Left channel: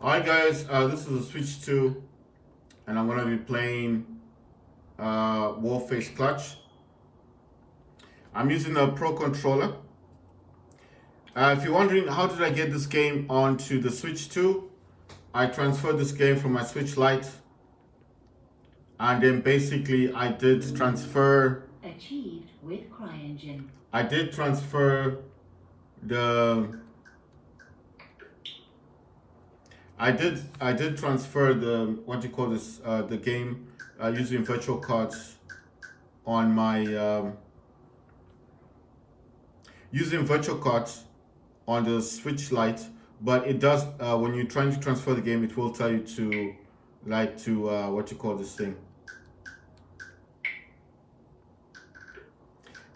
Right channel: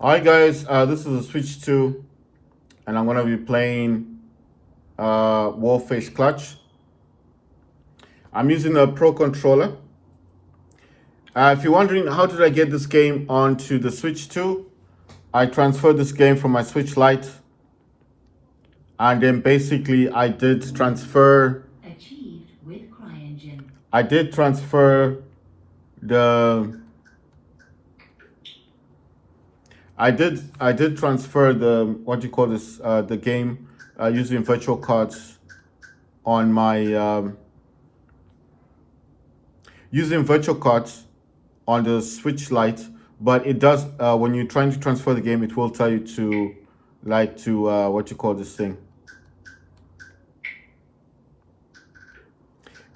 Alright guys, this is a Switch 2 and I'm going to be playing Warface Clutch. I'm using a Pro controller. If you're wondering how did I get this game onto the Switch 2, I transferred this game from my Switch Lite, and then basically I did transfer the I did transfer the what do you call this the game using virtual cards on my using virtual cards on the Switch Lite, but it does when you're trying to transfer the game, it will tell you to what you call this thing.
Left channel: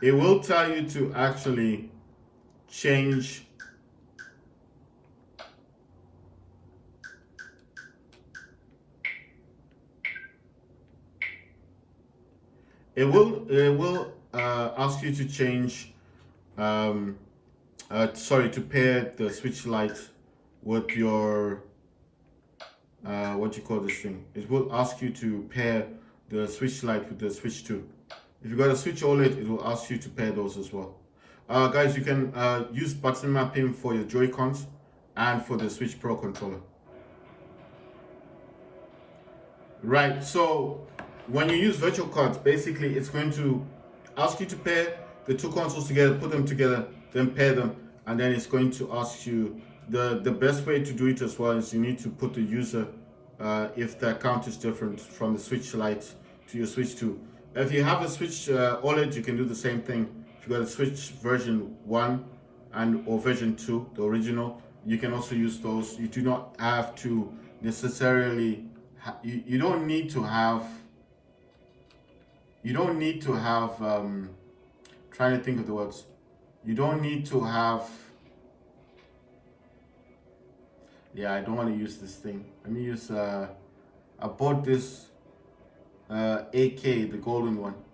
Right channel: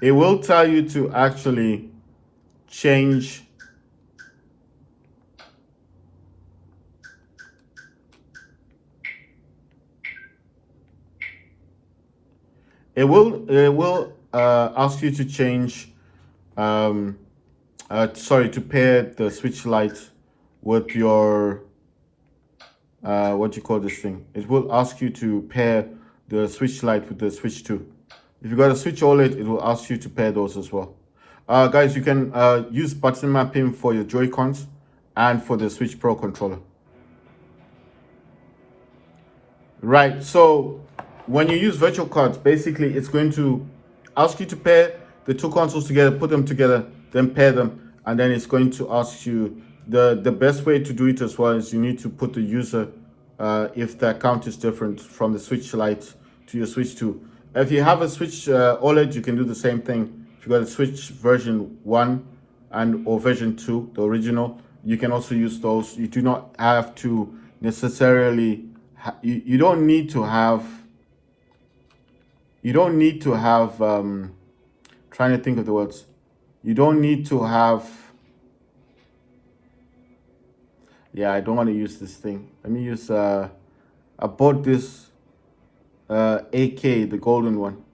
It will tell you to actually change it will ask you to change to pair the Switch Lite with your what you call this thing. It will ask you to pair the Switch Lite with the Switch 2. If you got a Switch OLED, it will ask you to pair those as well. Guys, you can use button mapping for your Joy-Cons and for the Switch Pro controller. Right, so when you use virtual cards, basically it's going to ask you to pair the two consoles together, put them together, then pair them, and then it's going to ask you the best way to do it as well is you need to put the user if the account is different from the Switch Lite to your Switch 2. If you have a Switch OLED, you can do the same thing. If you got a Switch version 1 or version 2, the original, you can also use those. You do not have to necessarily you don't need to have trying to think of the words. You don't need to have I don't want to use this thing. Let me use I bought this AK, the golden one.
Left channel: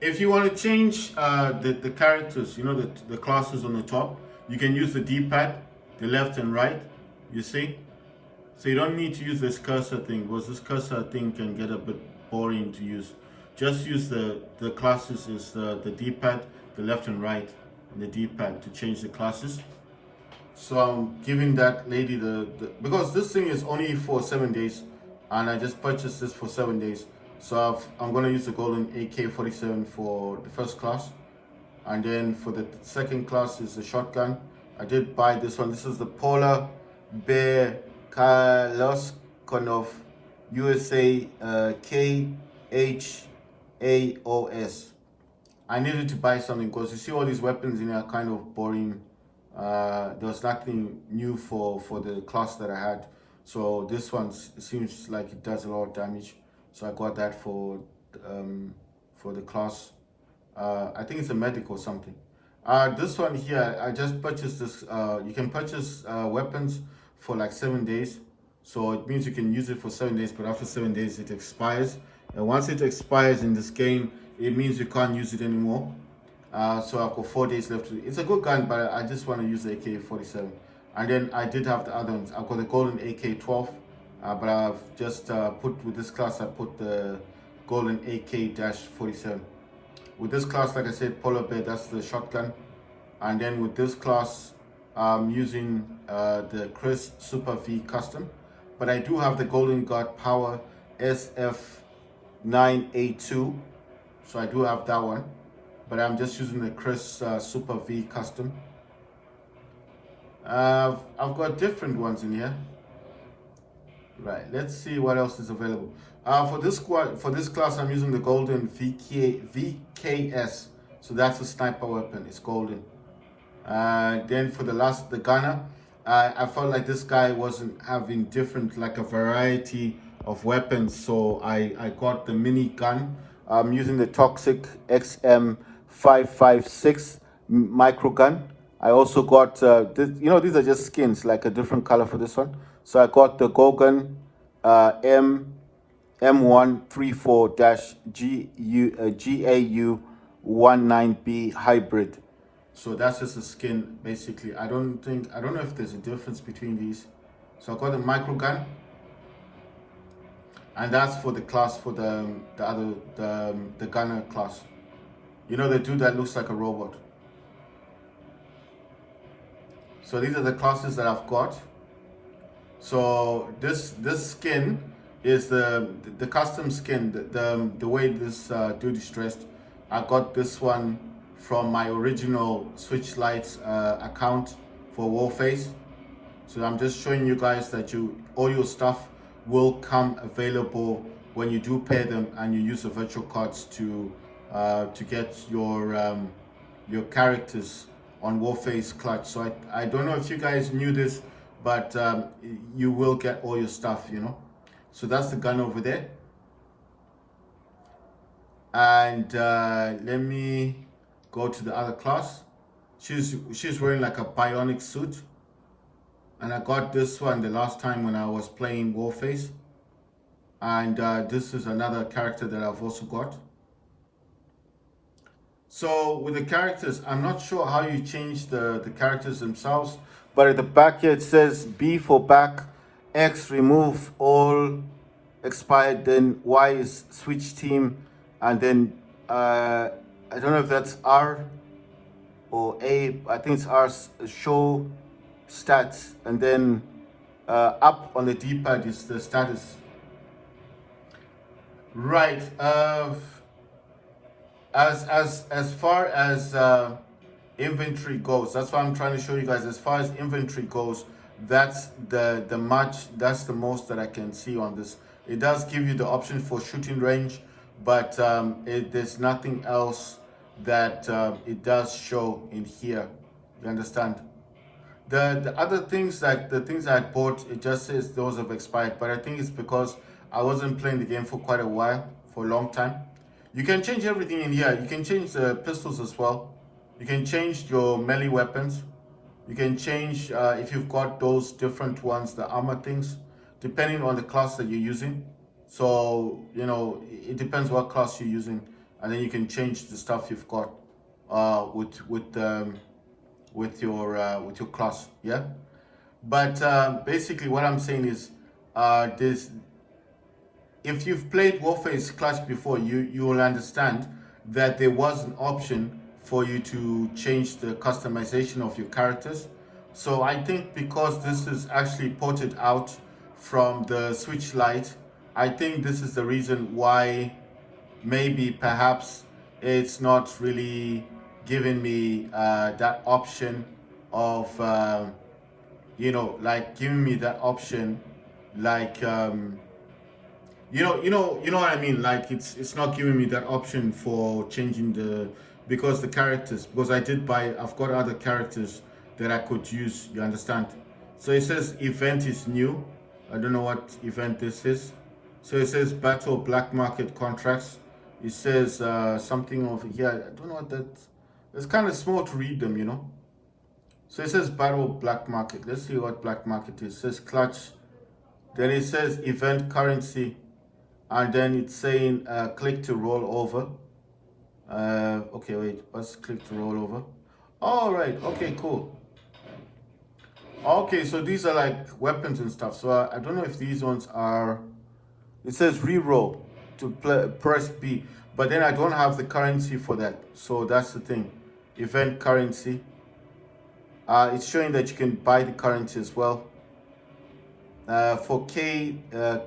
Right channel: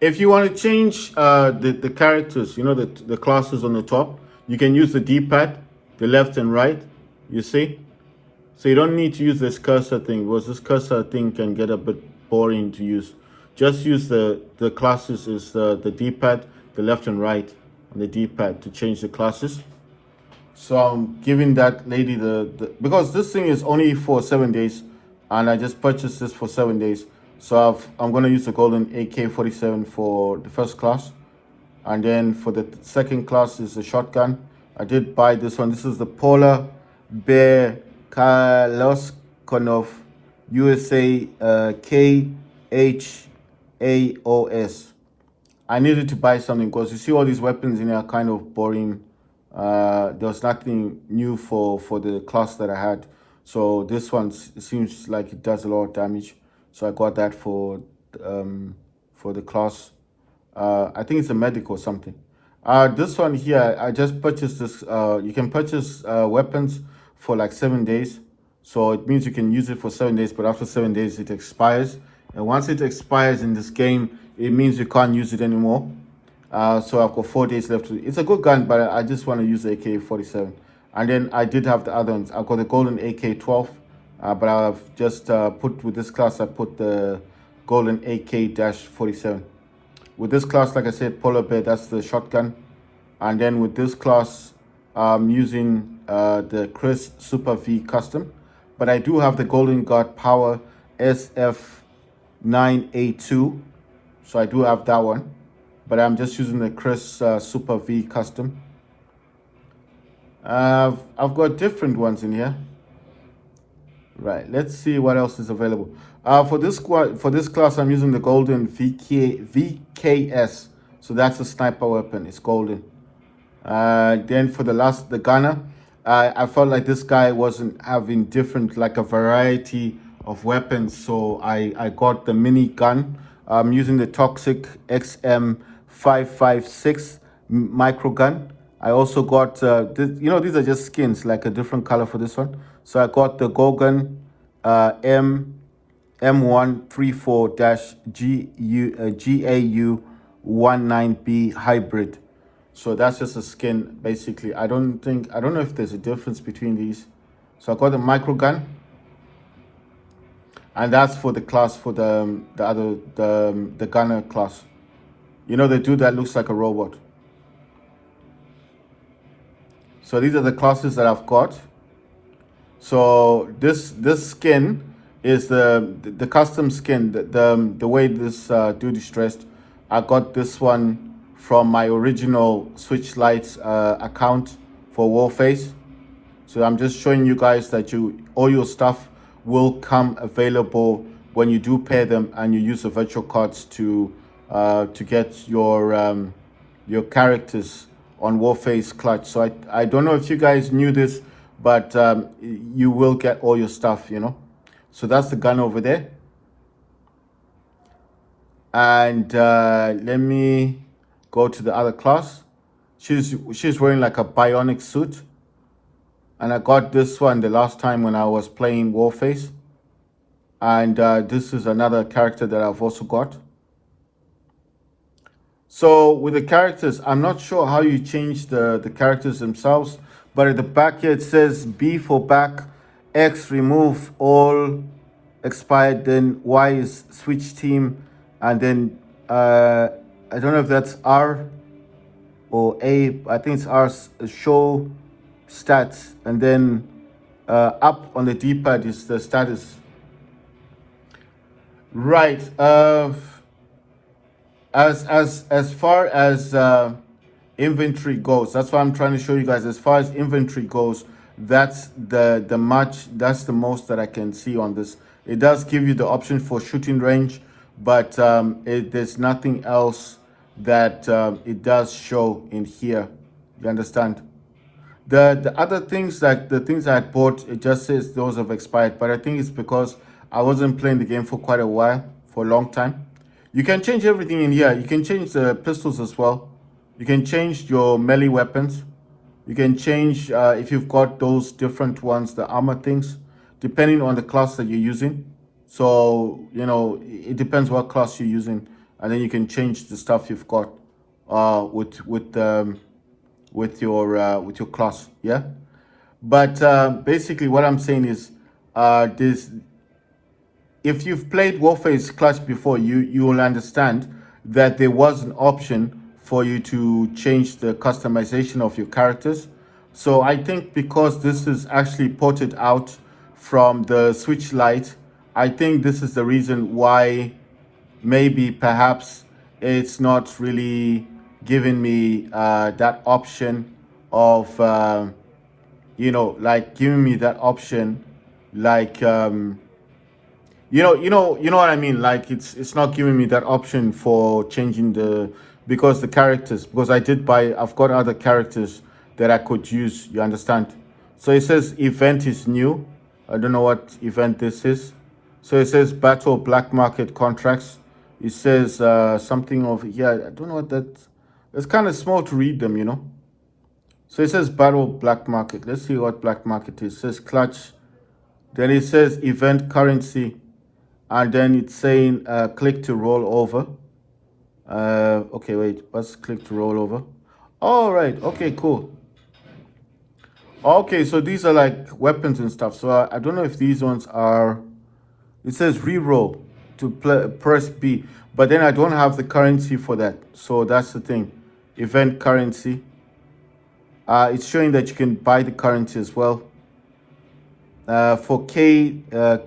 If you want to change the characters, you know, the classes on the top, you can use the D-pad, the left and right, you see? So you don't need to use this cursor thing, because this cursor thing can get a bit boring to use. Just use the classes is the D-pad, the left and right, and the D-pad to change the classes. So I'm giving that lady because this thing is only for 7 days, and I just purchased this for 7 days. So I'm going to use the golden AK-47 for the first class, and then for the second class is the shotgun. I did buy this one. This is the Polar Bear Kalashnikov USA KHAOS. I needed to buy something because you see all these weapons in here are kind of boring. There was nothing new for the class that I had. So this one seems like it does a lot of damage. So I got that for the class. I think it's a medic or something. This one here, I just purchased this. You can purchase weapons for like 7 days. So it means you can use it for 7 days, but after 7 days it expires. And once it expires in this game, it means you can't use it anymore. So I've got 4 days left. It's a good gun, but I just want to use the AK-47. And then I did have the other ones. I've got the golden AK-12, but I've just put with this class, I put the golden AK-47. With this class, like I said, Polar Bear, that's the shotgun. And then with this class, I'm using the Chris Super V Custom. But I do have the Golden Guard Power SF9A2. So I do have that one. But I'm just using the Chris Super V Custom. I've got different ones in here. Right, let's see what else is available. For this class, I'm using the golden VKS. So that's a sniper weapon. It's golden. Then for the gunner, I felt like this guy wasn't having a variety of weapons. So I got the mini gun. I'm using the Toxic XM556 micro gun. I also got, these are just skins, like a different color for this one. So I got the Gogan M134-GAU19B hybrid. So that's just a skin, basically. I don't know if there's a difference between these. So I got the micro gun, and that's for the class for the gunner class. You know, the dude that looks like a robot. So these are the classes that I've got. So this skin is the custom skin. The way this dude is dressed, I got this one from my original Switch Lights account for Warface. So I'm just showing you guys that all your stuff will come available when you do pair them and you use the virtual cards to get your characters on Warface Clutch. So I don't know if you guys knew this, but you will get all your stuff, you know. So that's the gun over there. And let me go to the other class. She's wearing like a bionic suit. And I got this one the last time when I was playing Warface. And this is another character that I've also got. So with the characters, I'm not sure how you change the characters themselves. But at the back here, it says B for back, X remove all expired, then Y is switch team. And then I don't know if that's R or A. I think it's R, show stats, and then up on the D-pad is the status. Right. As far as inventory goes, that's what I'm trying to show you guys. As far as inventory goes, that's the most that I can see on this. It does give you the option for shooting range, but there's nothing else that it does show in here. You understand? The other things, like the things I had bought, it just says those have expired. But I think it's because I wasn't playing the game for quite a while, for a long time. You can change everything in here. You can change the pistols as well. You can change your melee weapons. You can change if you've got those different ones, the armor things, depending on the class that you're using. So, you know, it depends what class you're using, and then you can change the stuff you've got with your class, yeah. But basically, what I'm saying is, if you've played Warface Clutch before, you will understand that there was an option for you to change the customization of your characters. So I think because this is actually ported out from the Switch Lite, I think this is the reason why maybe perhaps it's not really giving me that option of you know, like giving me that option, like you know what I mean. Like it's not giving me that option for changing because I've got other characters that I could use. You understand? So it says event is new. I don't know what event this is. So it says battle black market contracts. It says something over here. I don't know what that. It's kind of small to read them, you know. So it says battle black market. Let's see what black market is. It says clutch. Then it says event currency. And then it's saying click to roll over. Okay, wait. Let's click to roll over. All right. Okay, cool. Okay, so these are like weapons and stuff. So I don't know if these ones are. It says re-roll to press B. But then I don't have the currency for that. So that's the thing. Event currency. It's showing that you can buy the currency as well. For K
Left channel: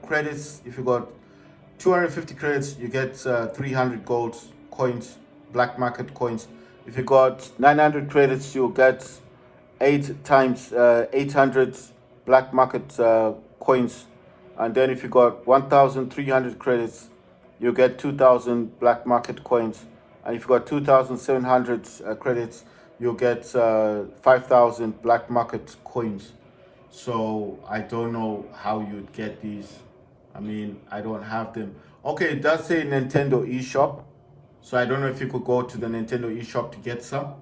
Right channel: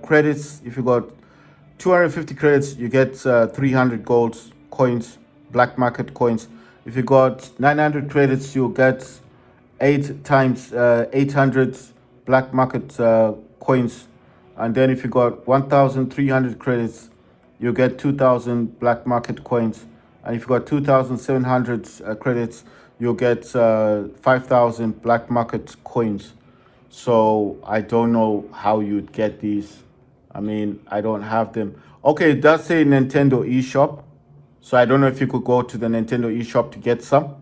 credits, if you got 250 credits, you get 300 gold coins, black market coins. If you got 900 credits, you'll get 8 times 800 black market coins. And then if you got 1,300 credits, you'll get 2,000 black market coins. And if you got 2,700 credits, you'll get 5,000 black market coins. So I don't know how you'd get these. I mean, I don't have them. Okay, it does say Nintendo eShop. So I don't know if you could go to the Nintendo eShop to get some.